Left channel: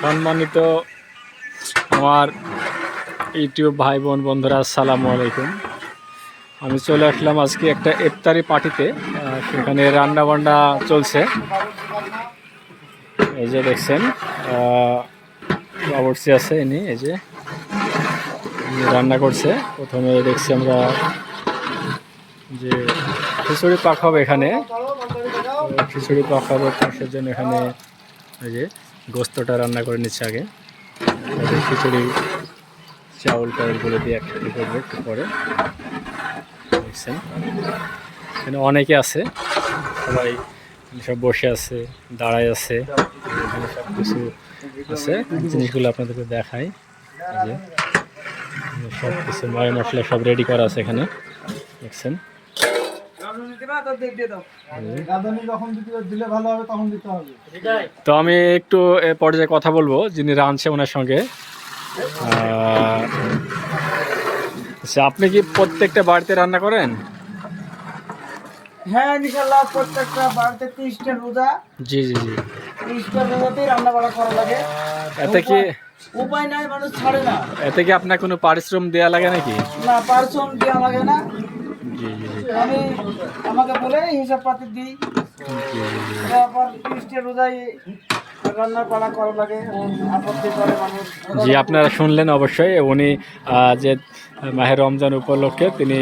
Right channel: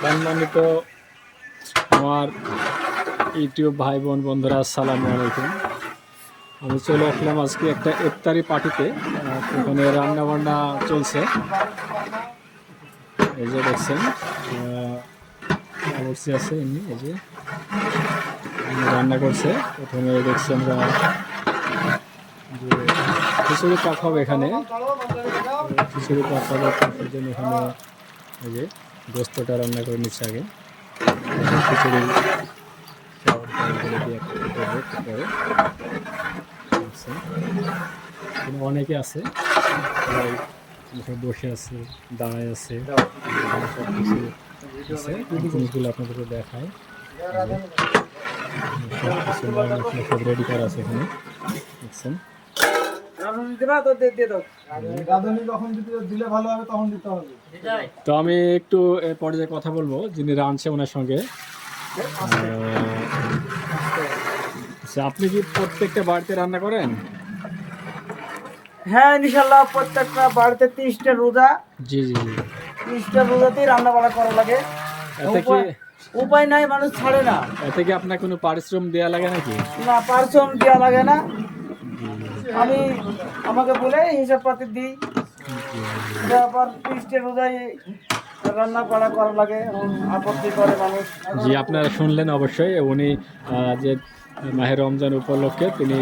সম্মানিত আমার ইউটিউব ভাই বোন বন্ধুরা, আসসালামু আলাইকুম। আমি চলে আসলাম আজকে একটা ইফতারি পার্টিতে। সেখানে রান্না বান্না চলছে। এই যে দেখছেন বাবুর্চি আছে, ইনি এই যে রান্না করছে। প্রথমে দেখছি আমরা যে খিচুড়ি পাকাবো এখানে। খিচুড়ি পাকাবো, সেজন্য এখানে এই যে গোস্তটা রান্না করে নিচ্ছে আগে। খিচুড়ি চাউল টাউলগুলো দিয়ে একসাথে করবো একটু পরে। দেখছেন এখানে অনেকে আছে, সবাই সব বসে আছে, দাঁড়ায় আছে, এখানে সব কিছু আছে। জিনিসগুলো আপনাদেরকে দেখাই। যে সব কিছু ময় মশলা সব রেডি করা আছে এখানে, দেখছেন। তো আমি একটু এ পর্যায়ে কথা বলবো যিনি রাঁধছে ওনার সঙ্গে। আচ্ছা, আপনি কি প্রত্যেকটা বাড়িতে রান্না করেন? হ্যাঁ, ইনশাল্লাহ প্রত্যেকটা বাড়িতে 30টা রোজা। জি জি জি। 30টা রোজাতেই রান্না বাড়া করা লাগে। এতে কি উপায় নাই, মানুষ ছাড়ে না। এতে কি আপনার কোনো পারিশ্রম দেওয়া লাগে নাকি? না, পারিশ্রম দেওয়া লাগে না। জি জি জি। আমি আমাকে বলে হিসাব পাতি দিই। আবার 30টা রোজায় রান্না বাড়া করা লাগে, আপত্তি করে মানুষ। জি, আপনারা শুনলেন অবশ্যই। উনি যে মাহে রমজান উপলক্ষে তিনি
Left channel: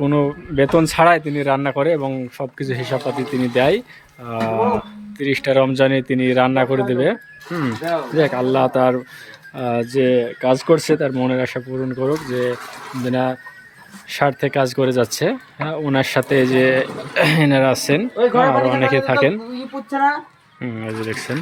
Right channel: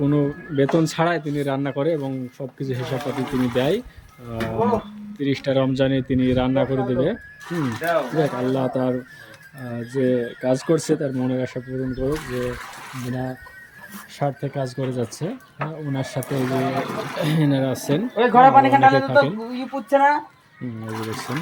কোনো বেতন ছাড়াই তিনি রান্না করে এবং সব কিছু হিসাবপাতি তিনি দেয়। 30টা রমজানে তিনি রান্না করে দেবে। দেখ, আল্লাহ তার যে কাজ করছে তার মনের আশা পূরণ করুক, যে বিনা স্বার্থে কাজ করে যাচ্ছে। হ্যাঁ, ওনার সাথে যে এনারা আছেন, আরও অনেকে থাকেন। এই যে দেখছেন।